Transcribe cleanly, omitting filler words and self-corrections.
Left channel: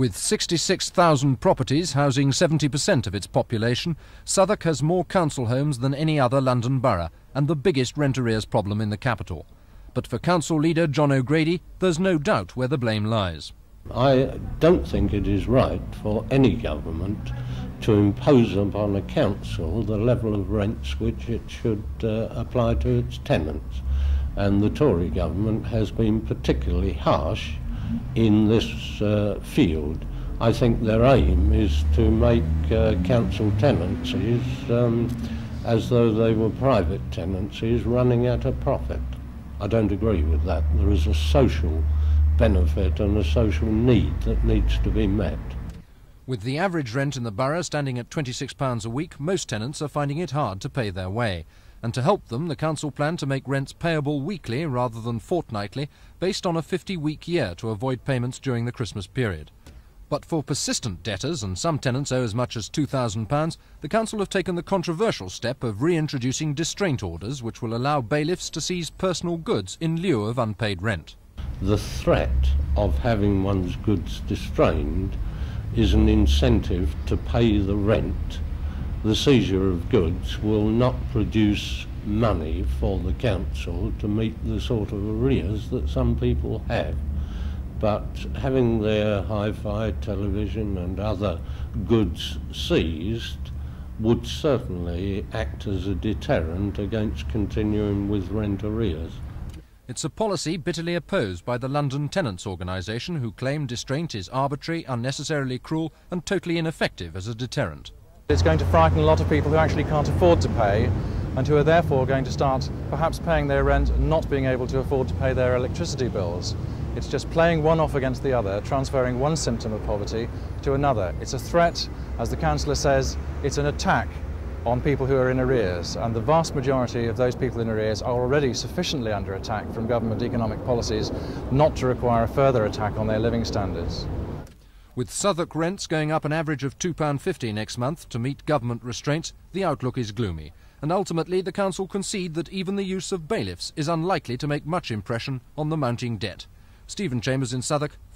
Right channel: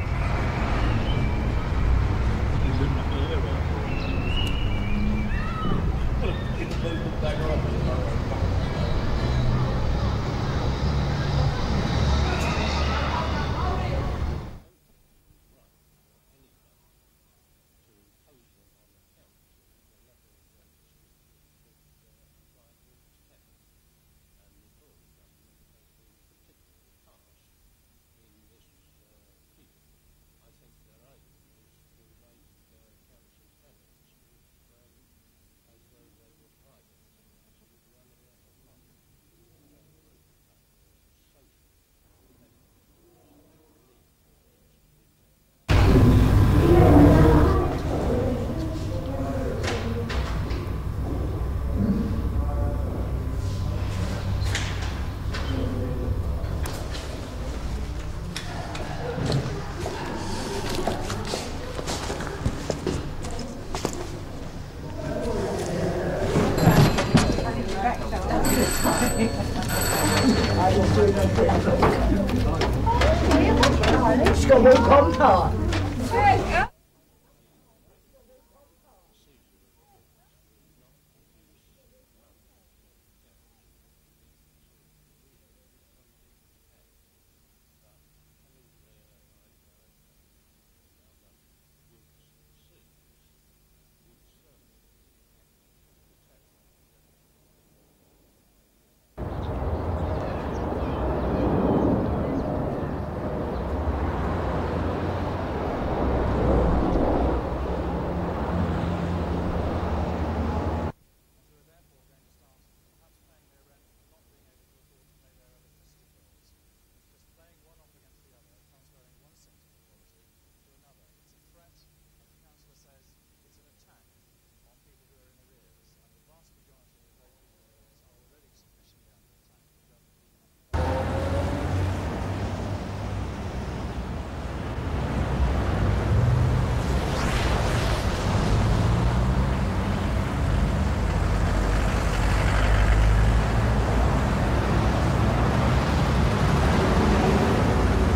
With 66,000 properties housing 70% of its population, Southwark has more council homes than any other London borough and the biggest rent arrears problem in the capital. But for council leader John O'Grady, there's no doubt where the blame lies. I don't think it is right for any government to impose upon a council the level of rents which it should apply to its tenants. And the Tory government has been particularly harsh in this field. I think their aim is to make council tenancies as though they were private tenancies running at a profit. I don't agree with that. There is a social benefit and a social need that needs to be met. With the average rent in the borough standing at £26 a week, most tenants are finding it hard to pay their way. And to help them, the council plan to make rents payable weekly rather than fortnightly, based on a 50-week year to avoid payments during the Christmas period. But for persistent debtors, and some tenants owe as much as £2,000, the council have taken the controversial step of reintroducing distraint laws, which will allow bailiffs to seize personal goods in lieu of unpaid rent. The threat of having one's goods distracted is an incentive to pay the rent. The seizure of goods will not produce money for the council to meet the sort of arrears that some people have. But having their hi-fi, television and other goods seized would certainly act as a deterrent against continuing with rent arrears. It's a policy bitterly opposed by the London Tenants Organisation, who claim distraint is arbitrary, unnecessarily cruel and totally ineffective as a deterrent. It's going to frighten a lot of people who actually can't afford to pay and who are therefore going to start perhaps paying their rent and not being able to afford to pay their electricity bills. It's just playing one off against the other, transferring one symptom of poverty to another. It's a threat, as the councillor says, it's an attack on people who are in arrears, and the vast majority of those people in arrears are already sufficiently under attack from government economic policies not to require a further attack on their living standards. With Southwark rents going up an average of £2.50 next month to meet government restraints, the outlook is gloomy. And ultimately, the council concede that even the use of bailiffs is unlikely to make much impression on the mounting debt. Stephen James in Southwark.